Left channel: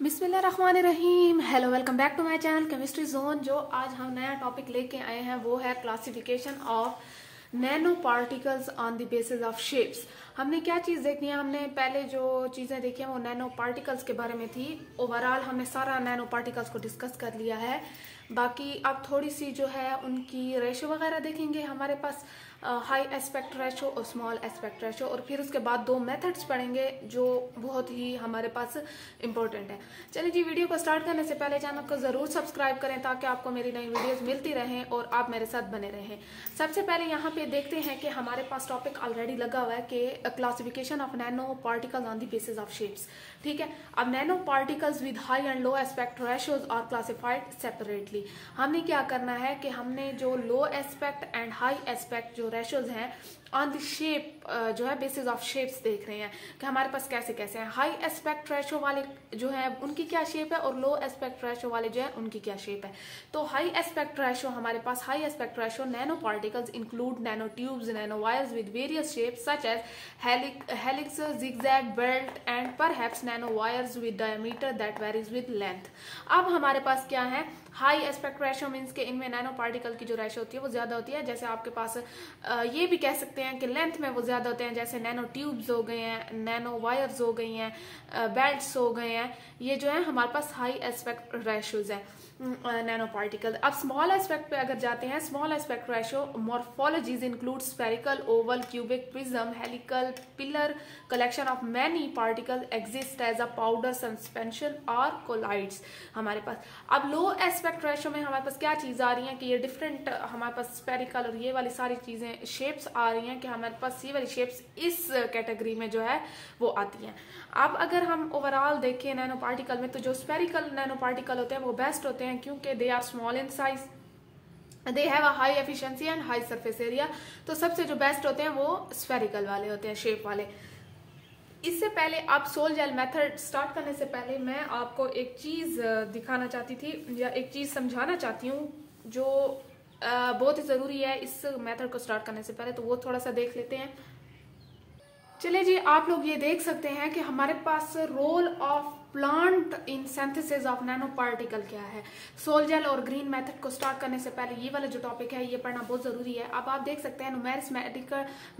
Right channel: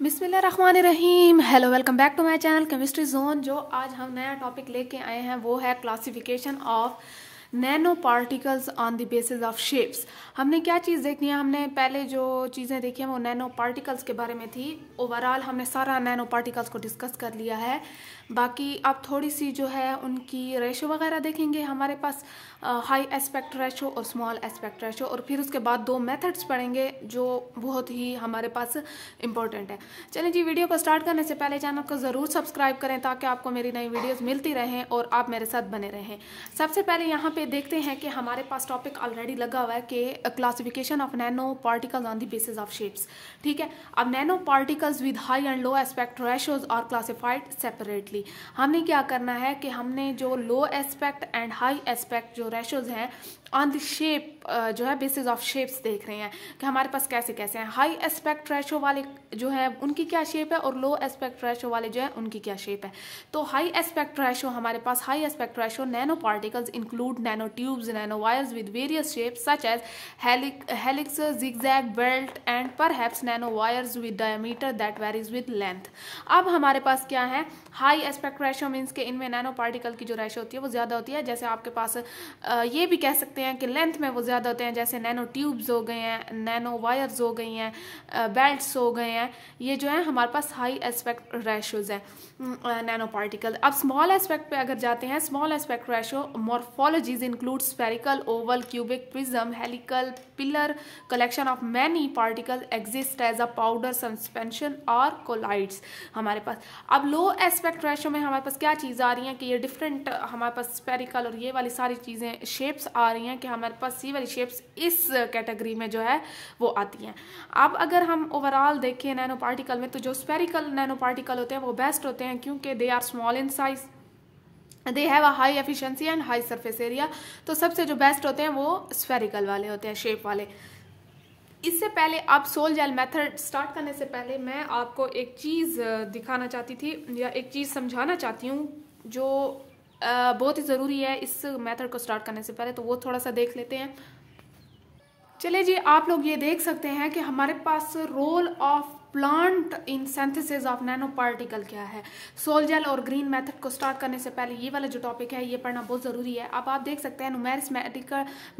बिस्मिल्लाहिर्रहमानिर्रहीम। Hello, welcome back to my channel chemistry zone. जो आज हम नया टॉपिक लेके आए हैं वो है classification of nano particles on the basis of shapes. हमने क्या चीज़ देखनी है, हमने पहले जो चीज़ें देखी हैं वो नैनो पार्टिकल्स के बारे में थी। ओवरऑल हमने सारा नैनो पार्टिकल्स को डिस्कस कर लिया है। बाकी अब थोड़ी सी जो है उनकी रेशो वगैरह देखेंगे। हमारे पास हाई एस्पेक्ट रेशो और स्मॉल एस्पेक्ट रेशो, और फिर उसके बाद दो मेथड्स पढ़ेंगे जो बहुत ही हमारे पास इम्पोर्टेंट है। चलिए जी, वीडियो को स्टार्ट करने से पहले चैनल को ज़रूर सब्सक्राइब करें ताकि आपको मेरी नई वीडियोस मिलती रहें और आप मेरे साथ बने रहें। सबसे पहले यहाँ पे देखते हैं कि हमारे पास टॉपिक ऑलरेडी लगा हुआ है कि classification of nano particles on the basis of shapes. ठीक है, अब nano particles with high and low aspect ratios are classified separately. हमने क्या करना है कि हमने जो low aspect and high aspect जो रेशोज हैं ऑन द शेप जो है बेसिस ऑफ शेप्स देख रहे हैं कि हमारे पास कैसे कैसे हैं। हाई एस्पेक्ट रेशो वाले जो है उनकी क्या शेप है और लो एस्पेक्ट रेशो वाले जो है उनकी क्या शेप है। तो हाई एस्पेक्ट रेशो हमारे पास high aspect ratio nano particles include nano tubes, nano wires with various shapes such as helix, zigzag, belt and perhaps nano wires with diameter that varies with length. अब हमारे पास क्या है, high aspect ratio means के इनमें nano particle की जो ratio होती है वो ज्यादा होती है। जैसे आपके पास ये भी कह सकते हैं कि लेंथ में वो ज्यादा होते हैं, जैसे नैनो ट्यूब्स हो गए हैं, नैनो वायर्स हो गई हैं, बेल्ट्स हो गए हैं। ये जो है हमारे पास हाई एस्पेक्ट रेशोज है नैनो पार्टिकल। अब स्मॉल एस्पेक्ट पे अगर जाते हैं, small aspect ratio morphologies include spherical, oval, cubic, prism, helical, pillar, collection of many particle exist as a powder, suspension और कोलाइड्स हमारे पास। अब लो एस्पेक्ट रेशो में हमारे पास क्या चीज आ रही है कि ये डिफरेंट हमारे पास स्फेरिकल और ये वाली सारी चीजें शेप्स आ रही हैं कि हमारे पास ये वाली शेप्स इस कैटेगरी में जो है वो आती हैं। अब अगर हम ओवरऑल देखें नैनो पार्टिकल में, तो जो स्फेरिकल नैनो पार्टिकल होते हैं वो बेस्ट होते हैं क्योंकि they are small in size, they have a high efficiency and high surface area. तो सबसे जो बेस्ट होते हैं वो स्फेरिकल वाले होते हैं, शेप वाले। इससे पहले आप सोल जेल मेथड स्टार्ट करने से पहले मैं आपको एक चीज दिखाना चाहती थी या एक चीज समझाना चाहती हूँ जो बहुत ही जरूरी है इस मेथड को स्टार्ट करने से पहले, तो वो थोड़ा सा देख लेते हैं। चलिए जी, आप लोग ये देख सकते हैं कि हमारे पास role of plant in synthesis of nano particle क्या है। सोल जेल और ग्रीन मेथड को स्टार्ट करने से पहले ये वाला जो टॉपिक है ये पढ़ना बहुत जरूरी है। अब आप देख सकते हैं numeric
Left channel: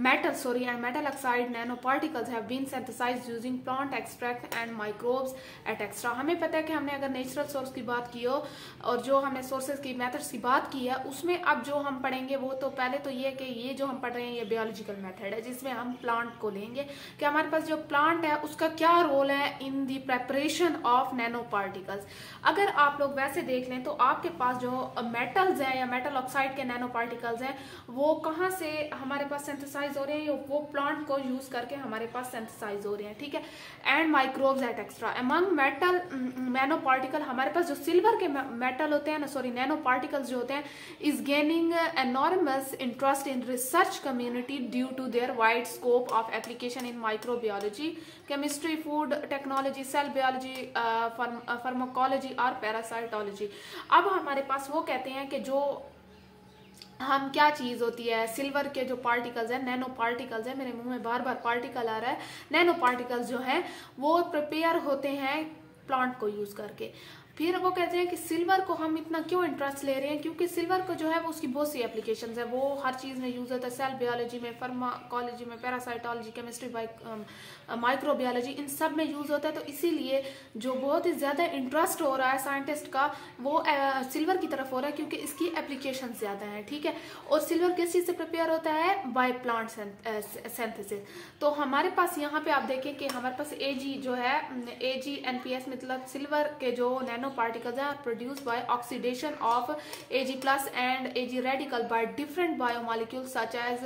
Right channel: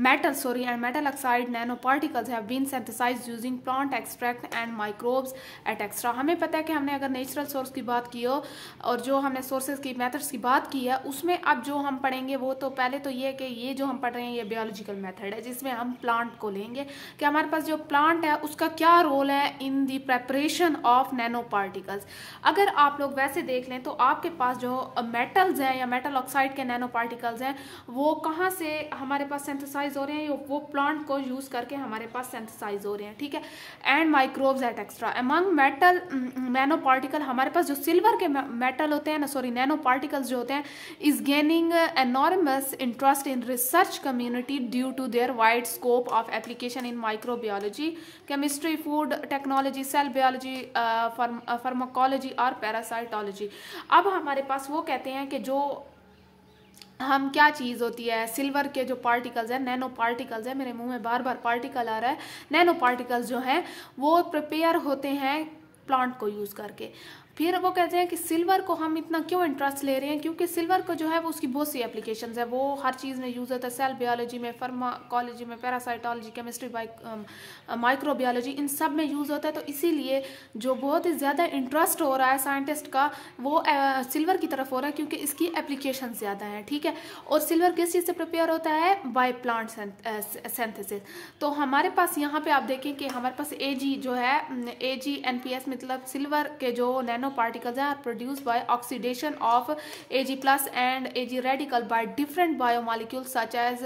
metal and metal oxide nano particles have been synthesised using plant extract and microbes et cetera. हमें पता है कि हमने अगर नेचुरल सोर्स की बात की हो और जो हमने सोर्सेज की मेथड्स की बात की है उसमें अब जो हम पढ़ेंगे वो तो पहले तो ये कि ये जो हम पढ़ रहे हैं ये बायोलॉजिकल मेथड है जिसमें हम प्लांट को लेंगे कि हमारे पास जो प्लांट है उसका क्या रोल है इन दी प्रेपरेशन ऑफ नैनो पार्टिकल्स। अगर आप लोग वैसे देख लें तो आपके पास जो मेटल्स हैं या मेटल ऑक्साइड के नैनो पार्टिकल्स हैं वो कहाँ से हमारे पास सिंथेसाइज हो रहे हैं, वो प्लांट को यूज करके हमारे पास सिंथेसाइज हो रहे हैं। ठीक है, and microbes et cetera among metal nano particle हमारे पास जो सिल्वर के मेटल होते हैं नैनो पार्टिकल्स जो होते हैं is gaining enormous interest in research community due to their wide scope of application in microbiology, chemistry, food technology, cell biology, pharmacology और पैरासाइटोलॉजी। अब हमारे पास वो कहते हैं कि जो हम क्या चीज होती है, सिल्वर के जो पार्टिकल्स है, नैनो पार्टिकल्स है, मेरे मुंह में बार बार पार्टिकल आ रहा है, नैनो पार्टिकल्स जो है वो प्रिपेयर होते हैं प्लांट को यूज करके। फिर वो कहते हैं कि सिल्वर को हम इतना क्यों इंटरेस्ट ले रहे हैं, क्योंकि सिल्वर को जो है वो उसकी बहुत सी एप्लीकेशंस है, वो हर चीज में यूज होता है, सेल बायोलॉजी में, फार्माकोलॉजी में, पैरासाइटोलॉजी, केमिस्ट्री, माइक्रोबायोलॉजी, इन सब में यूज होता है। तो इसीलिए जो बहुत ही ज्यादा इंटरेस्ट हो रहा है साइंटिस्ट का वो सिल्वर की तरफ हो रहा है क्योंकि इसकी एप्लीकेशन ज्यादा है। ठीक है, और सिल्वर किस चीज से प्रिपेयर होता है, बाय प्लांट सिंथेसिस। तो हमारे पास यहाँ पे आप देखें कि हमारे पास एजी जो है, AgNPS मतलब सिल्वर के जो nano particles are produced by oxidation of Ag plus and Ag radical by different biomolecules such as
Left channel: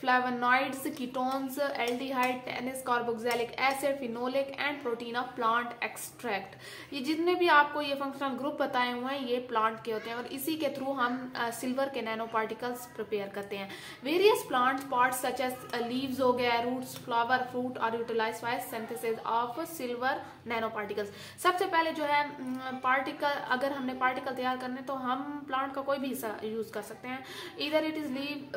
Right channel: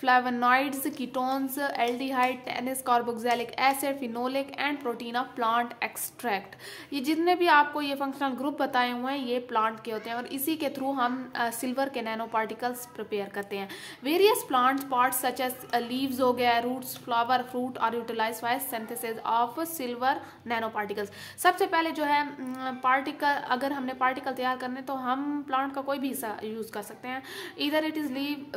flavonoids, ketones, aldehyde, tannins, carboxylic acid, phenolic and protein of plant extract। ये जितने भी आपको ये functional group बताए हुए हैं ये plant के होते हैं और इसी के थ्रू हम सिल्वर के नैनो पार्टिकल्स प्रिपेयर करते हैं। Various plant parts such as leaves हो गया, roots, flower, fruit are utilised by synthesis of silver nano particles. सबसे पहले जो है पार्टिकल, अगर हमने पार्टिकल तैयार करने तो हम प्लांट का कोई भी हिस्सा यूज कर सकते हैं, इधर it is leave,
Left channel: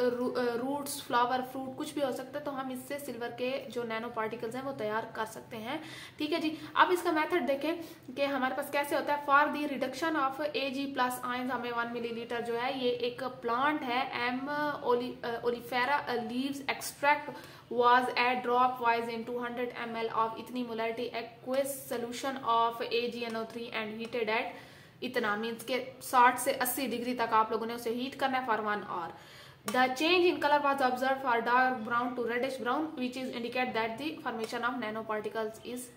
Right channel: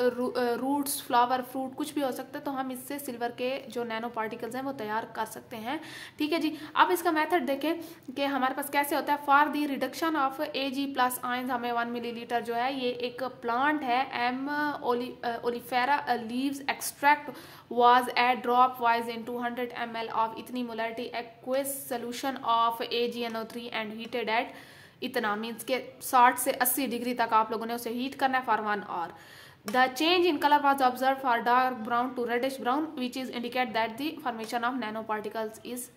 roots, flower flower, fruit, कुछ भी हो सकता है, तो हम इससे सिल्वर के जो नैनो पार्टिकल्स हैं वो तैयार कर सकते हैं। ठीक है जी। अब इसका मेथड देखें कि हमारे पास कैसे होता है। For the reduction of Ag plus ions हमें 1 मिलीलीटर जो है, ये एक प्लांट है M oleifera leaves extract was add drop wise in 200 ml of इतनी molarity aqueous solution of AgNO3 and heated at इतना मीन्स के 60 से 80 डिग्री तक आप लोगों ने उसे हीट करना है for 1 hour. The change in color was observed for dark brown to reddish brown, which is indicate that the formation of nanoparticles is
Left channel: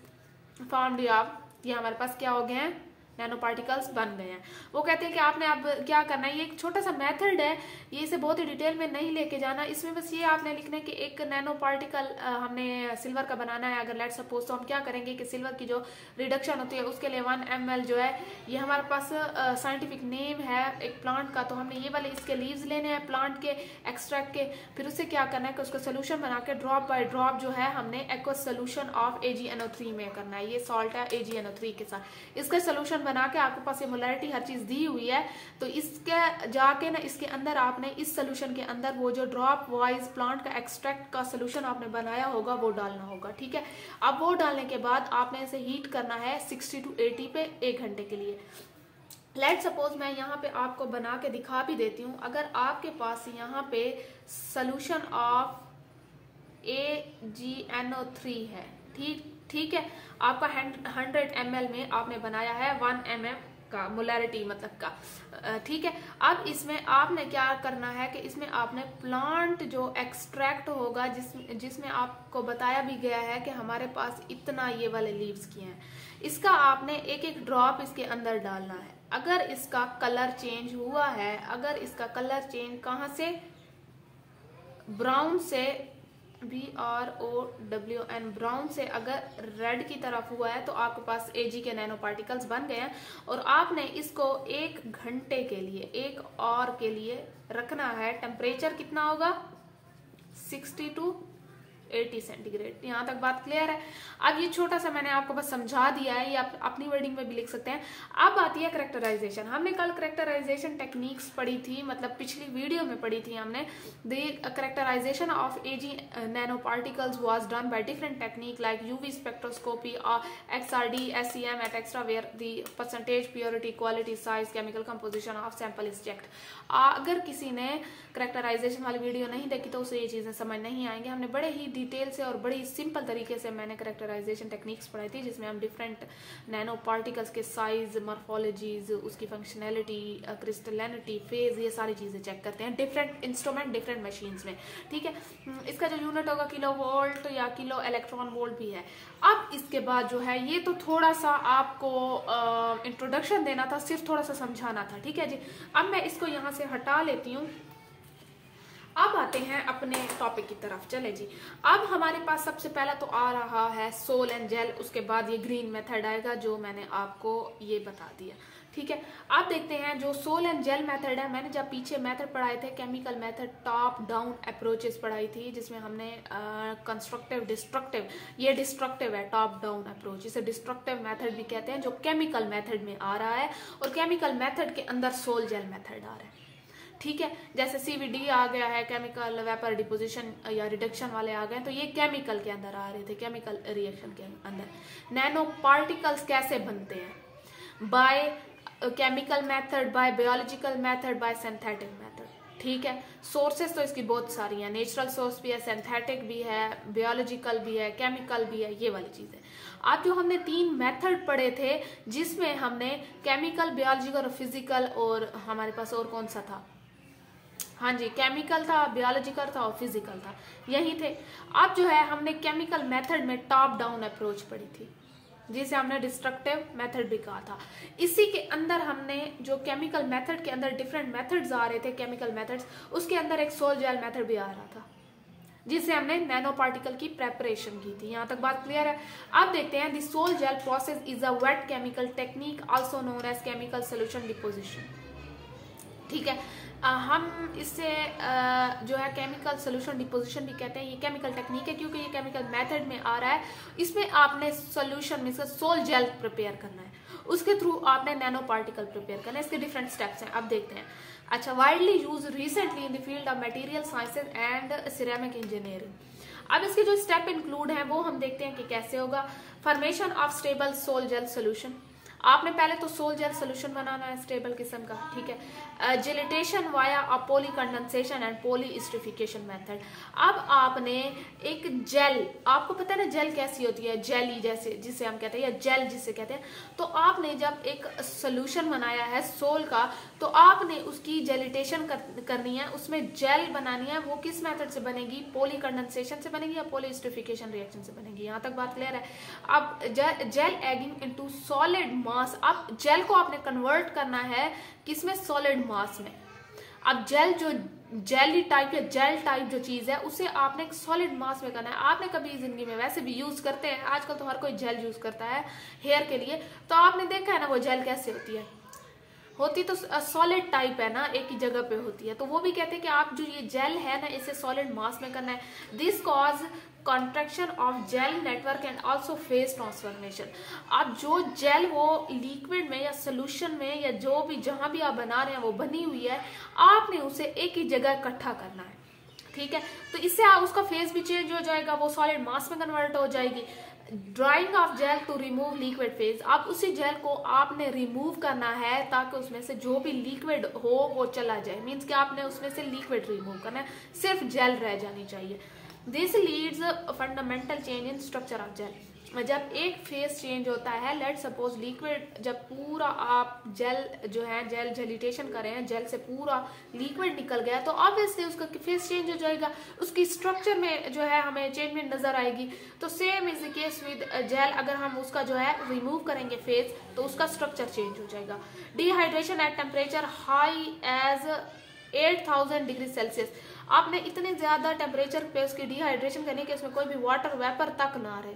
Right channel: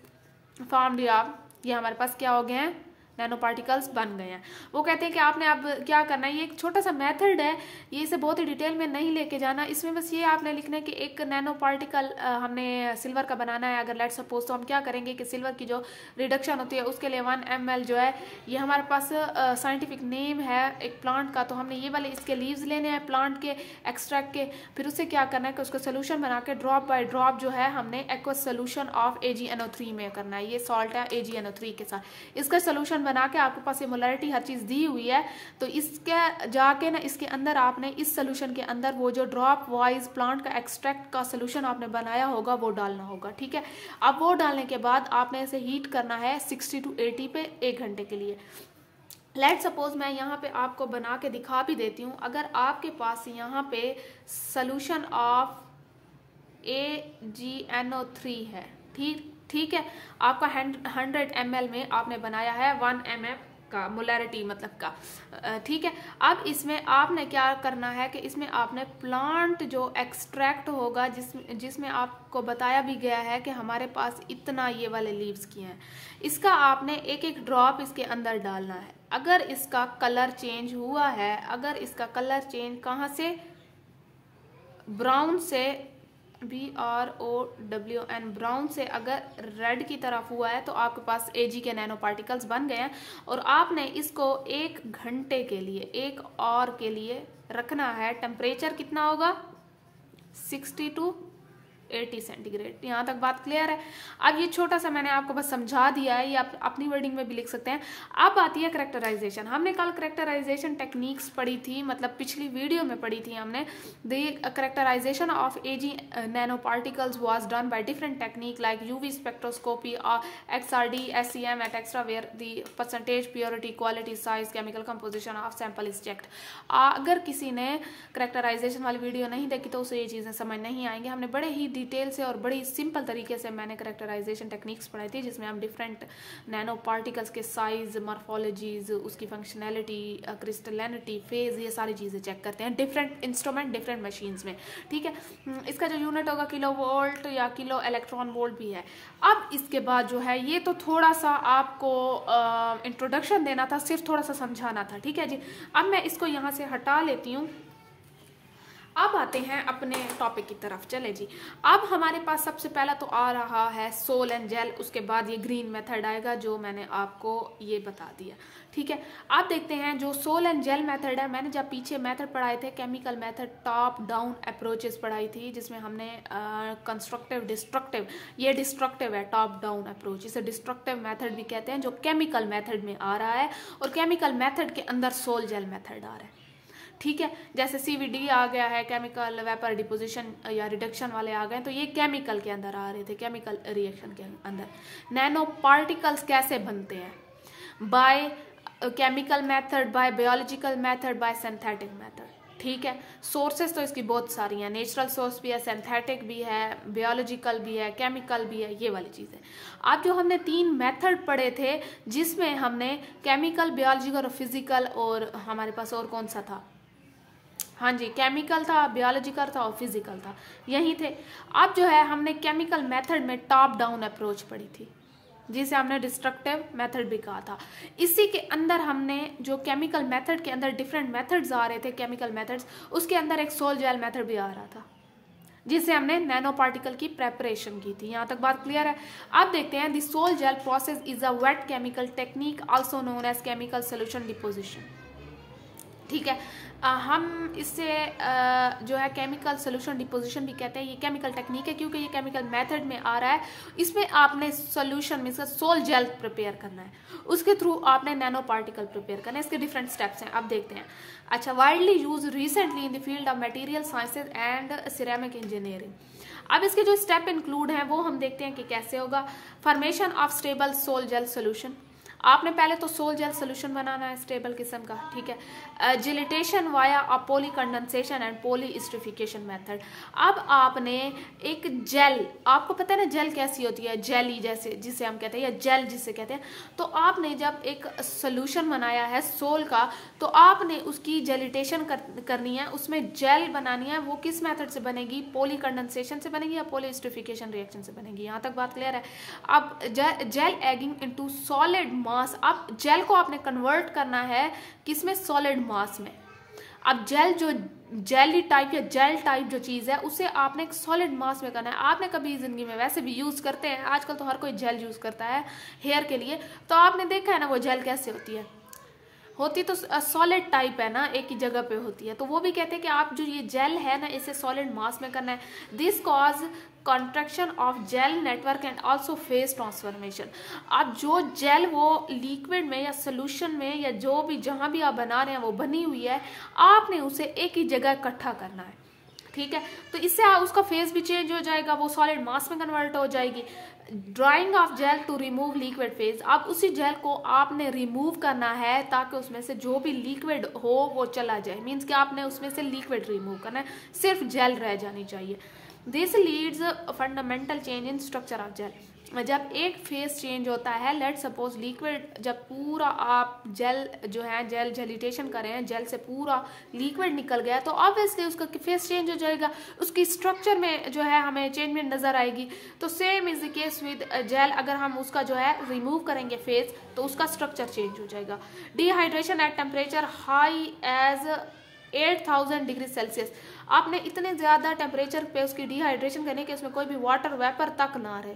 formed। ये हमारे पास क्या हो गए हैं, नैनो पार्टिकल्स बन गए हैं। वो कहते हैं कि आपने अब क्या करना है, ये एक छोटा सा मेथड है, ये इसे बहुत ही डिटेल में नहीं लेके जाना। इसमें बस ये आपने लिखना है कि एक नैनो पार्टिकल हमने सिल्वर का बनाना है। अगर लेट सपोज, तो हम क्या करेंगे कि सिल्वर की जो रिडक्शन होती है उसके लिए 1 ml जो है, ये हमारे पास साइंटिफिक नेम है एक प्लांट का, तो हमने ये वाले इसके लीव्स लेने हैं प्लांट के एक्सट्रैक्ट के, फिर उससे क्या करना है कि उसको सोल्यूशन बना के ड्रॉप बाय ड्रॉप जो है हमने एक्वस सोल्यूशन ऑफ AgNO3 में करना है। ये सॉल्ट है AgNO3 के साथ, इसका सोल्यूशन बना के आपके पास ये मोलैरिटी हर चीज दी हुई है, तो इसके जाके ना इसके अंदर आपने इस सोल्यूशन के अंदर वो जो ड्रॉप वाइज प्लांट का एक्सट्रैक्ट का सोल्यूशन आपने बनाया होगा वो डालना होगा। ठीक है। अब वो डालने के बाद आपने इसे हीट करना है 60 to 80 पे 1 घंटे के लिए। लेट सपोज मैं यहाँ पे आपको बना के दिखा भी देती हूँ। अगर आपके पास यहाँ पे सोल्यूशन ऑफ AgNO3 है, ठीक है, आपका 100 ml में आपने बनाया है 1 mm का मोलैरिटी मतलब का, ठीक है। अब इसमें आपने क्या करना है कि इसमें आपने प्लांट जो एक्सट्रैक्ट होगा जिसमें आपको बताया भी गया है कि हमारे पास इतना ये वाले लीव्स किए हैं, इसका आपने एक एक ड्रॉप इसके अंदर डालना है। अगर इसका कलर चेंज हुआ है, अगर इसका कलर चेंज कहाँ से, ब्राउन से, BROWN ब्राउन से अगर रेड की तरफ हुआ है तो आपके पास Ag के नैनो पार्टिकल्स बन गए हैं। और आपने इसको 1 घंटे के लिए, 1 आवर के लिए रखना है। टेम्परेचर कितना होगा, 60 to 80 सेंटीग्रेड। यहाँ तक बात क्लियर है। अब ये छोटा सा मैंने आपको बस समझा दिया है, ये आप अपनी वर्डिंग में भी लिख सकते हैं। अब आती है करेक्टराइजेशन। हमने कल करेक्टराइजेशन टेक्निक्स पढ़ी थी, मतलब पिछली वीडियो में पढ़ी थी हमने। The characterisation of Ag nano particles was done by different technique like UV spectroscopy, XRD, SEM et cetera where the percentage, purity, quality, size, chemical composition of sample is checked. अगर किसी ने characterisation वाली video नहीं देखी तो उसे ये चीजें समझ नहीं आएंगे। हमने बड़े ही डिटेल से और बड़ी सिंपल तरीके से मैंने करेक्टराइजेशन टेक्निक्स पढ़ाई थी, जिसमें हम डिफरेंट नैनो पार्टिकल्स के साइज, मॉर्फोलॉजीज, उसकी फंक्शनैलिटी, क्रिस्टलिनिटी, फेज, ये सारी चीजें चेक करते हैं डिफरेंट इंस्ट्रूमेंट, डिफरेंट मशीन्स में। ठीक है। इसका जो यूनिट होगा किलो वोल्ट या किलो इलेक्ट्रॉन वोल्ट भी है। अब इसके बाद जो है, ये तो थोड़ा सा आपको इंट्रोडक्शन देना था, सिर्फ थोड़ा सा समझाना था। ठीक है जी। अब मैं इसको यहाँ से हटा लेती हूँ। अब आते हैं अपने टॉपिक की तरफ। चले जी। अब हमारे पास सबसे पहला तो आ रहा है सोल एंड जेल, उसके बाद ये ग्रीन मेथड आएगा जो मैंने आपको ये बता दिया। ठीक है। आप देखते हैं जो सोल एंड जेल मेथड है, मैंने जब पीछे मेथड पढ़ाए थे, chemical method, top down approaches पढ़ाई थी, जिसमें हमने कंस्ट्रक्टिव, डिस्ट्रक्टिव, ये डिस्ट्रक्टिव है टॉप डाउन अप्रोच, इसे डिस्ट्रक्टिव मेथड भी कहते हैं, जो केमिकल मेथड में आ रहा है। और केमिकल मेथड के अंदर सोल जेल मेथड आ रहा है। ठीक है। जैसे CVD आ गया है, केमिकल वेपर डिपोजिशन या रिडक्शन वाले आ गए, तो ये केमिकल के अंदर आ रहे थे, केमिकल रिएक्शन के अंदर। नैनो पार्टिकल्स कैसे बनते हैं, by chemical method, bye biological method, bye synthetic method. ठीक है। सोर्सेस तो इसकी बहुत सारी हैं, नेचुरल सोर्स भी है, सिंथेटिक भी है, बायोलॉजिकल भी है, केमिकल भी है, ये वाली चीजें। आज जो हमने 3 मेथड पढ़े थे, जिसमें हमने केमिकल, बायोलॉजिकल और फिजिकल, और हमारे पास और कौन सा था, हाँ जी, केमिकल था, बायोलॉजिकल था और फिजिकल था, यही थे। अब जो है हमने केमिकल मेथड में टॉप डाउन अप्रोच पढ़ी थी, जिसे हमने डिस्ट्रक्टिव मेथड भी कहा था। इसी के अंदर हमने जो केमिकल मेथड के अंदर डिफरेंट मेथड्स आ रहे थे, केमिकल मेथड्स, उसके अंदर एक सोल जेल मेथड भी आ रहा था, जिससे हमने नैनो पार्टिकल की प्रेपरेशन की थी। यहाँ तक बात क्लियर है। अब देखते हैं, the sol gel process is a wet chemical technique also known as chemical solution deposition. ठीक है। हम इससे जो है केमिकल सोल्यूशन डिपोजिशन भी कहते हैं, ये केमिकल टेक्निक है क्योंकि ये केमिकल मेथड में आ रहा है। इसमें आपने सोल्यूशन में से सोल जेल प्रिपेयर करना है, उसके थ्रू आपने नैनो पार्टिकल प्रिपेयर करना है। इसके डिफरेंट स्टेप्स हैं, अब देखते हैं। अच्छा, widely use recently in the field of material sciences and ceramic engineering. अब इसके जो स्टेप इंक्लूड है वो हम देखते हैं कि कैसे होगा। Formation of stable sol gel solution, आपने पहले तो सोल जेल सोल्यूशन बनाना है स्टेबल किस्म का, ठीक है। Gelation via poly condensation and poly esterification method. अब आपने एक जेल, आपको पता है ना जेल कैसी होती है, जेली जैसे जिसे हम कहते हैं, या जेल जिसे कहते हैं। तो आपने जब एक सोल्यूशन बनाया है सोल का, तो आपने उसकी जेलिटेशन करनी है, उसमें जेल बनानी है। वो किस मेथड से बनेगी, पॉली कंडेंसेशन से बनेगी या पॉली एस्टरिफिकेशन रिएक्शन से बनेगी। यहाँ तक बात क्लियर है। अब जेल एगिंग इनटू सॉलिड मास, अब जेल को आपने कन्वर्ट करना है किसमें, सॉलिड मास में। अब जेल जो जेली टाइप या जेल टाइप जो चीज है उसे आपने एक सॉलिड मास में करना है। आपने कभी जिंदगी में वैसे भी यूज करते हैं, आजकल तो हर कोई जेल यूज करता है हेयर के लिए, तो आपने देखा है ना वो जेल कैसे होती तो सॉलिड टाइप है ना, एक ही जगह पे होती है। तो वो भी कहते हैं कि आप जो ये जेल है ना इसे सॉलिड मास में करना है। This cause contraction of jail network and also phase transformation. अब जो जेल वो लिक्विड में या सोल्यूशन में या जो भी जहां भी आप बना रहे हैं वो बनी हुई है, आपने उसे एक ही जगह इकट्ठा करना है, ठीक है। तो इससे उसका फेज भी चेंज हो जाएगा, वो सॉलिड मास में कन्वर्ट हो जाएगी। Drying of gel to remove liquid phase, अब उसी जेल को आपने रिमूव करना है ताकि उसमें से जो भी लिक्विड हो वो चला जाए। मीन्स कि आपने उसमें से लिक्विड रिमूव करना है, सिर्फ जेल रह जानी चाहिए। This leads fundamental change in structure of gel. जब एक फेज चेंज होता है, लेट सपोज लिक्विड, जब पूरा आप जेल जो है जेल जेलिटेशन कर रहे हैं, जेल से पूरा लिक्विड निकल गया, तो ऑब्वियसली उसका फेज चेंज हो जाएगा, उसकी स्ट्रक्चर में जो है हमें चेंजमेंट नजर आएगी। तो same is the case with gel, अगर हम उसका जो है रिमूव करेंगे फेज तो उसका स्ट्रक्चर चेंज हो जाएगा। Dehydration at temperature high as 8000 degree Celsius, आपने इतने ज्यादा टेम्परेचर पे उसकी डिहाइड्रेशन करनी है कि उसमें कोई भी वाटर वेपर तक ना रहे।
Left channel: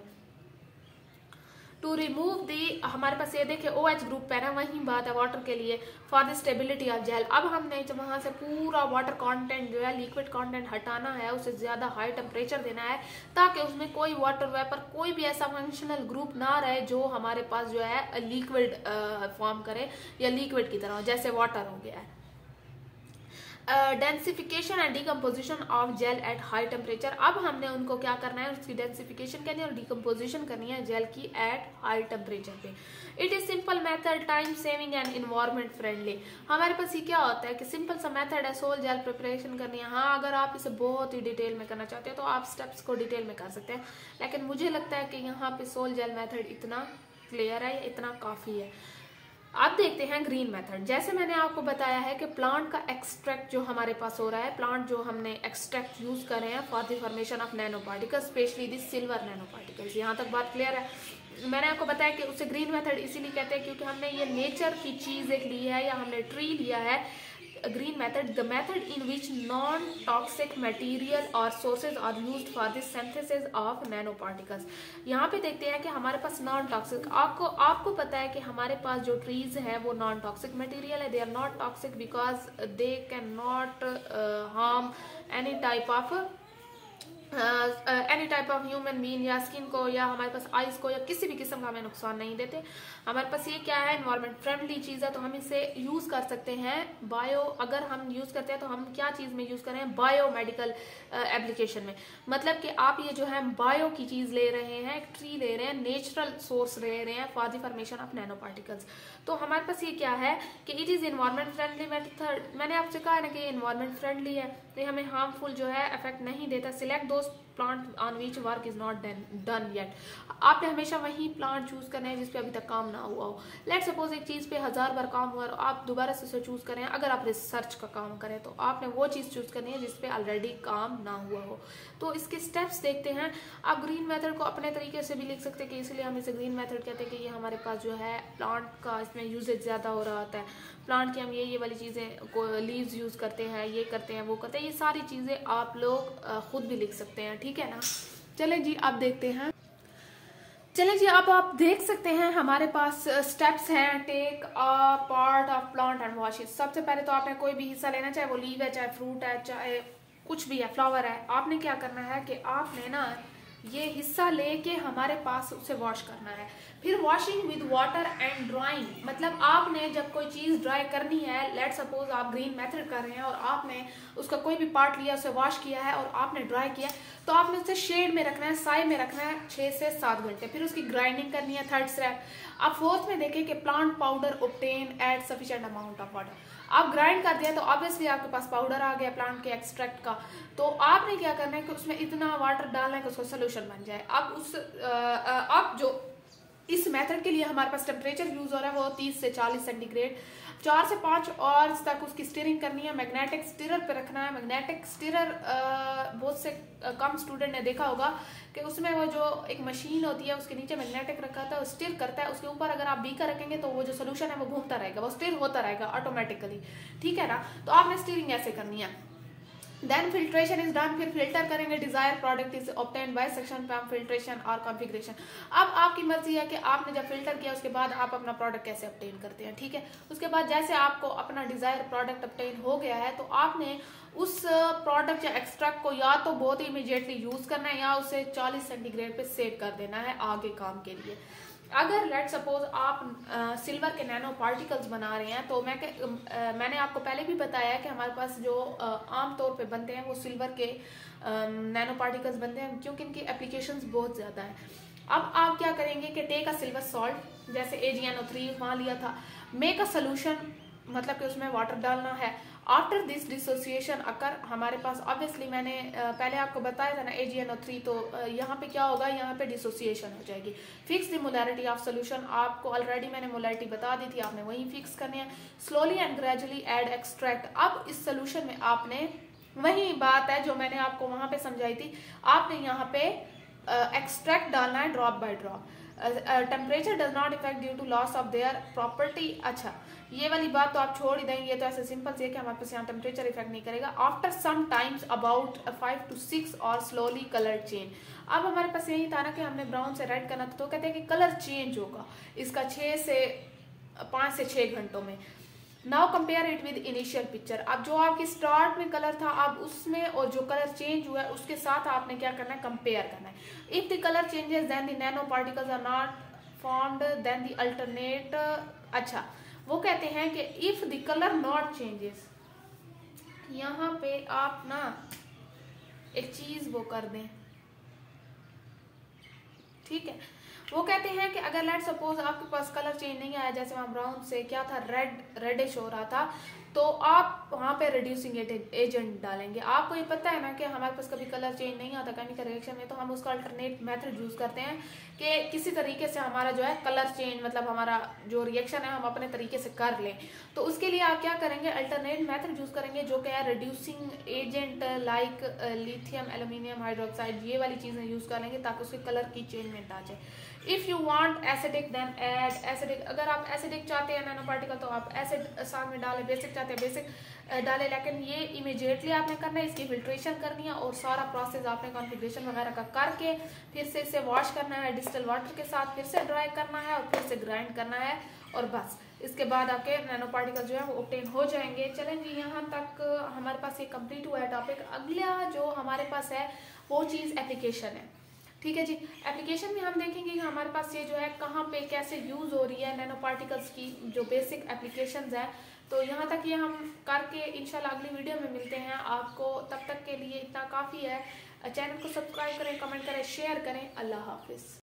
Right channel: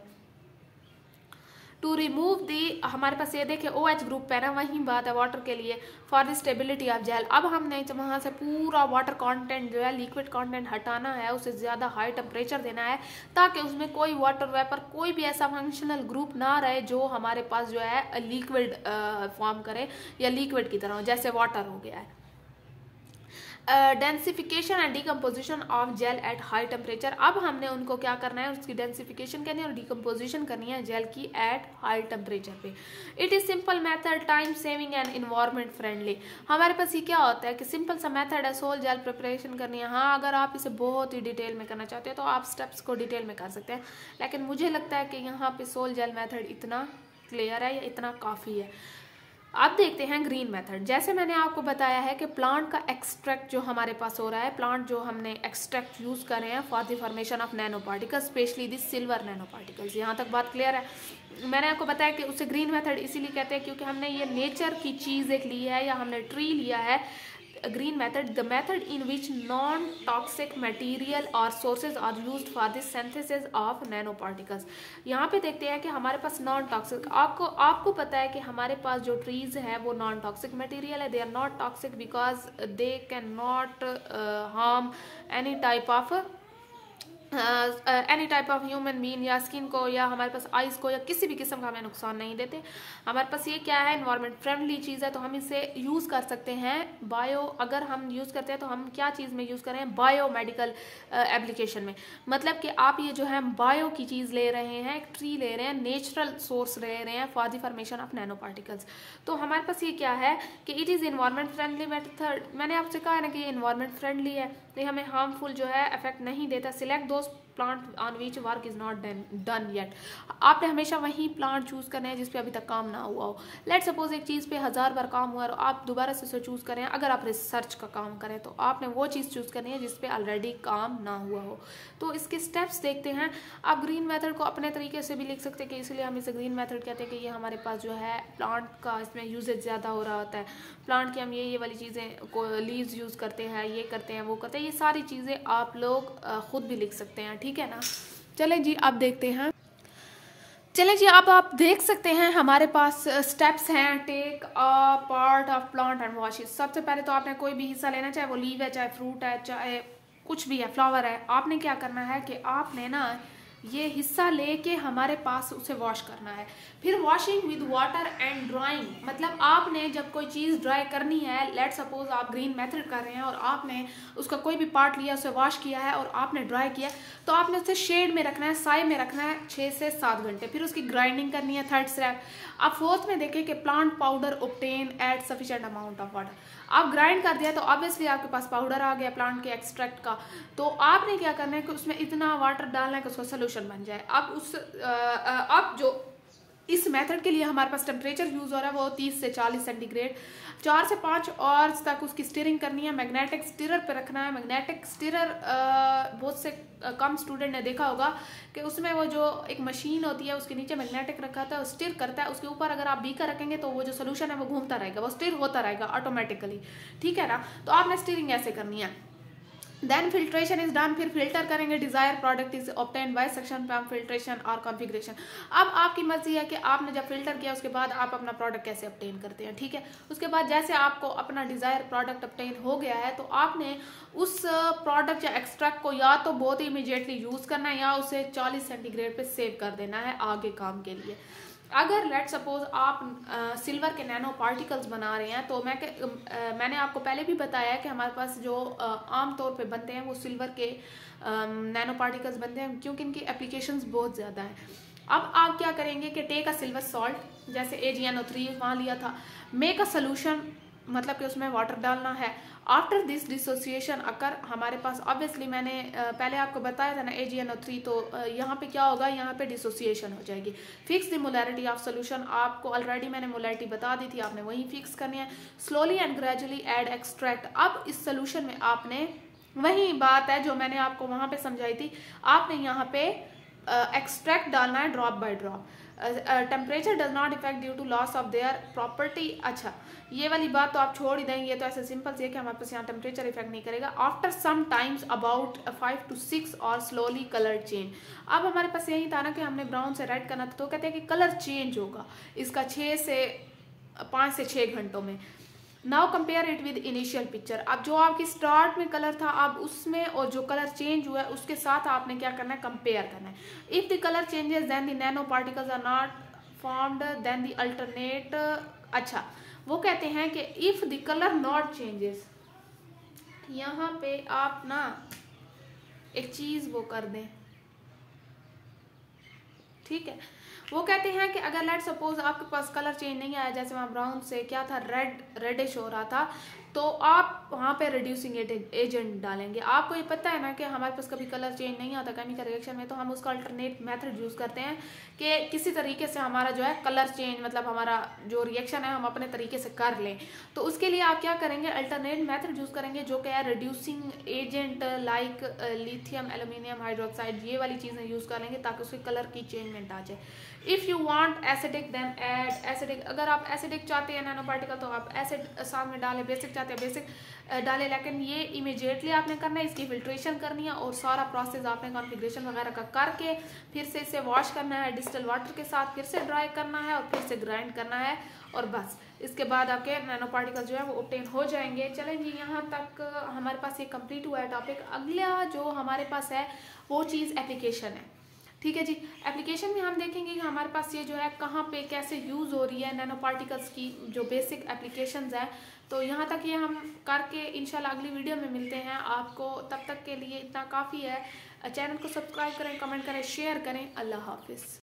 टू रिमूव दी, हमारे पास ये देखे OH ग्रुप है ना, वही बात है वाटर के लिए, for the stability of gel. अब हमने वहां से पूरा वाटर कंटेंट जो है लिक्विड कंटेंट हटाना है, उसे ज्यादा हाई टेम्परेचर देना है ताकि उसमें कोई वाटर वेपर, कोई भी ऐसा फंक्शनल ग्रुप ना रहे जो हमारे पास जो है लिक्विड फॉर्म करे या लिक्विड की तरह, जैसे वाटर हो गया है। Densification and decomposition of gel at high temperature, अब हमने उनको क्या करना है, उसकी डेंसिफिकेशन करनी है और डिकम्पोजिशन करनी है जेल की एट हाई टेम्परेचर पे। It is simple method, time saving and environment friendly. हमारे पास ये क्या होता है कि सिंपल सा मेथड है, सोल जेल प्रिपरेशन करनी है। हाँ, अगर आप इसे बहुत ही डिटेल में करना चाहते हैं तो आप स्टेप्स को डिटेल में कर सकते हैं, लेकिन मुझे लगता है कि यहाँ पे सोल जेल मेथड इतना क्लियर है, इतना काफी है। अब देखते हैं ग्रीन मेथड। जैसे मैंने आपको बताया है कि प्लांट का एक्सट्रैक्ट जो हमारे पास हो रहा है, प्लांट जो हमने एक्सट्रैक्ट यूज कर रहे हैं for the formation of nano particles, specially this silver nano particles. यहाँ तक बात क्लियर है। मैंने आपको बताया कि उसे ग्रीन मेथड इसीलिए कहते हैं क्योंकि हमने ये नेचर की चीज एक ली है या हमने ट्री लिया है। green method, the method in which non-toxic material or sources are used for the synthesis of nanoparticles। यहाँ पे देखते हैं कि हमारे पास नॉन टॉक्सिक, आपको पता है कि हमारे पास जो ट्रीज है वो नॉन टॉक्सिक मटेरियल है। They are not toxic because they can not harm any type of human being या स्किन को या हमारे पास आइज को या किसी भी किस्म का हमें नुकसान नहीं देते। हमारे पास ये क्या है, एनवायरमेंट फ्रेंडली चीज है, तो हम इसे यूज कर सकते हैं बायो, अगर हम यूज करते हैं तो हम क्या चीज में यूज कर रहे हैं, बायो मेडिकल एप्लीकेशन में। मतलब कि आप ये जो है बायो की चीज ले रहे हैं, एक ट्री ले रहे हैं, नेचुरल सोर्स ले रहे हैं for the formation of nano particles. तो हमारे पास ये क्या है कि it is environment friendly method. मैंने आपसे कहा ना कि एनवायरमेंट फ्रेंडली है, तो हमें हार्मफुल जो है इफेक्ट नहीं देता। Select those plant on which work is not done yet, आपने हमेशा वही प्लांट चूज करना है जिसपे अभी तक काम ना हुआ हो। लेट सपोज एक चीज पे 1000 बार काम हुआ और आप दोबारा से उसे चूज करें, अगर आप रिसर्च का काम करें तो आपने वो चीज चूज करनी है जिसपे ऑलरेडी काम ना हुआ हो। तो इसके स्टेप्स देखते हैं। आप ग्रीन मेथड को अपने तरीके से भी लिख सकते हैं कि इसलिए हम इसे ग्रीन मेथड कहते हैं कि ये हमारे पास जो है प्लांट का इसमें यूजेज ज्यादा हो रहा होता है। प्लांट की हम ये वाली चीजें को लीव्स यूज करते हैं, ये करते हैं, वो करते हैं, ये सारी चीजें आप लोग खुद भी लिख सकते हैं, ठीक है ना। चलें जी, अब देखते हैं। चलिए जी, अब आप देख सकते हैं हमारे पास स्टेप्स हैं। Take a part of plant and wash it. सबसे पहले तो आपने कोई भी हिस्सा लेना, चाहे वो लीव है, चाहे फ्रूट है, चाहे कुछ भी है, फ्लावर है, आपने क्या करना है कि आपने ना ये हिस्सा लेके हमारे पास उसे वॉश करना है। फिर washing with water and drawing, मतलब आपने जब कोई चीज ड्राई करनी है, लेट सपोज आप ग्रीन मेथड कर रहे हैं और आपने उसका कोई भी पार्ट लिया, उसे वॉश किया है और आपने ड्राई किया, तो आपने उसे शेड में रखना है, साए में रखना है 6 से 7 घंटे। फिर उसकी ग्राइंडिंग करनी है, थर्ड स्टेप। आप फोर्थ में देखें कि plant powder obtain at sufficient amount of water. आप ग्राइंड कर दिया तो ऑब्वियसली आपके पास पाउडर आ गया प्लांट के एक्सट्रैक्ट का। तो आपने क्या करना है कि उसमें इतना वाटर डालना है कि उसका सोल्यूशन बन जाए। अब जो इस मेथड के लिए हमारे पास टेम्परेचर यूज हो रहा है वो 30 से 40 सेंटीग्रेड, 4 से 5 आवर्स तक उसकी स्टीयरिंग करनी है। मैग्नेटिक स्टीरर पे रखना है। मैग्नेटिक स्टीरर बहुत से कम स्टूडेंट ने देखा होगा कि उसमें वो जो एक मशीन होती है उसके नीचे मैग्नेटिक रखा था, स्टीर करता है। उसके ऊपर अगर आप बीकर रखेंगे तो वो जो सोल्यूशन है वो घूमता रहेगा, वो स्टीर होता रहेगा ऑटोमेटिकली, ठीक है ना। तो आपने स्टीयरिंग ऐसे करनी है। देन फिल्ट्रेशन इज डन, फिर फिल्टर करेंगे। Desire product is obtained by suction pump filtration और कॉन्फ़िगरेशन। अब आपकी मर्जी है कि आपने जब फिल्टर किया उसके बाद आप अपना प्रोडक्ट कैसे ऑब्टेन करते हैं, ठीक है। उसके बाद जैसे आपको अपना डिजायर प्रोडक्ट ऑब्टेन हो गया है तो आपने उस प्रोडक्ट या एक्सट्रैक्ट को या तो बहुत ही इमीडिएटली यूज करना है या उसे 40 सेंटीग्रेड पे सेव कर देना है आगे काम के लिए। अगर लेट सपोज आप सिल्वर के नैनो पार्टिकल्स बना रहे हैं तो मैंने आपको पहले भी बताया कि हमारे पास जो आमतौर पे बनते हैं वो सिल्वर के नैनो पार्टिकल्स बनते हैं, क्योंकि इनकी एप्लीकेशंस बहुत ज्यादा है। अब आप क्या करेंगे कि टेक अ सिल्वर सॉल्ट, जैसे AgNO3 वहां लिया था, मेक अ सोल्यूशन, मतलब कि उसमें वाटर डालना है। आफ्टर दिस डिसोसिएशन अकर, हमारे पास ऑब्वियसली मैंने पहले आपको बताया था ना AgNO3, तो यहाँ पे क्या होगा, यहाँ पे डिसोसिएशन हो जाएगी। Fix the molarity of solution, आपको ऑलरेडी मैंने मोलैरिटी बता दी थी, आपने वही फिक्स करनी है। Slowly and gradually add extract, अब इस सोल्यूशन में आपने वही बात है जो मैंने आपको वहां पे समझाई थी, आपने यहाँ पे एक्सट्रैक्ट डालना है drop by drop. Temperature does not effect due to loss of their property. अच्छा, ये वाली बात तो आप छोड़ ही देंगे, तो ऐसे सिंपल से कि हमारे पास यहाँ टेम्परेचर इफेक्ट नहीं करेगा। After some times about 5 to 6 और स्लोली कलर चेंज। अब हमारे पास यही था ना कि हमने ब्राउन से रेड करना था, तो कहते हैं कि कलर चेंज होगा इसका 5 से 6 घंटों में। Now compare it with initial picture, अब जो आपकी स्टार्ट में कलर था अब उसमें और जो कलर चेंज हुआ है उसके साथ आपने क्या करना है, कंपेयर करना है। If the colour changes then the nano particles are not formed then the alternate. अच्छा, वो कहते हैं कि if the colour not changes, यहाँ पे आप ना एक चीज वो कर दें, ठीक है। वो कहते हैं कि अगर लेट सपोज आपके पास कलर चेंज नहीं आया, जैसे वहां ब्राउन से क्या था, रेडिश हो रहा था, तो आप वहां पे रिड्यूसिंग एजेंट डालेंगे। आपको ये पता है ना कि हमारे पास कभी कलर चेंज नहीं आता केमिकल रिएक्शन में, तो हम उसका अल्टरनेट मेथड यूज करते हैं कि किसी तरीके से हमारा जो है कलर चेंज, मतलब हमारा जो रिएक्शन है हम अपने तरीके से कर लें। तो उसके लिए आप क्या करेंगे, अल्टरनेट मेथड यूज करेंगे जो कि है reducing agent like lithium aluminium hydroxide, ये वाली चीजें यूज कर लेंगे ताकि उसके कलर की चेंजमेंट आ जाए। If you want acidic then add acidic, अगर आप एसिडिक चाहते हैं नैनो पार्टिकल तो आप एसिड साथ में डालें, बेसिक चाहते हैं बेसिक डालें, लेकिन ये इमीडिएटली आपने करना है, इसकी फिल्ट्रेशन करनी है और सारा प्रोसेस आपने कॉन्फ़िगरेशन वगैरह का करके फिर से इसे वॉश करना है डिस्टिल वाटर के साथ, फिर से ड्राई करना है और फिर से ग्राइंड करना है और बस इसके बाद आपके नैनो पार्टिकल जो है वो ऑब्टेन हो जाएंगे। चलें जी, यहाँ तक हमारे पास ये कंप्लीट हुआ है टॉपिक। अगला जो हमारे पास है वो चीज एप्लीकेशन है, ठीक है जी। एप्लीकेशन में हम देखेंगे कि हमारे पास ये जो है कहाँ पे कैसे यूज हो रही है नैनो पार्टिकल्स की जो बेसिक एप्लीकेशंस है। तो यहाँ तक ये हम करके इंशाल्लाह अगली वीडियो में मिलते हैं आपको। तब तक के लिए इतना काफी है। चैनल को सब्सक्राइब करें, कमेंट करें, शेयर करें। अल्लाह हाफिज।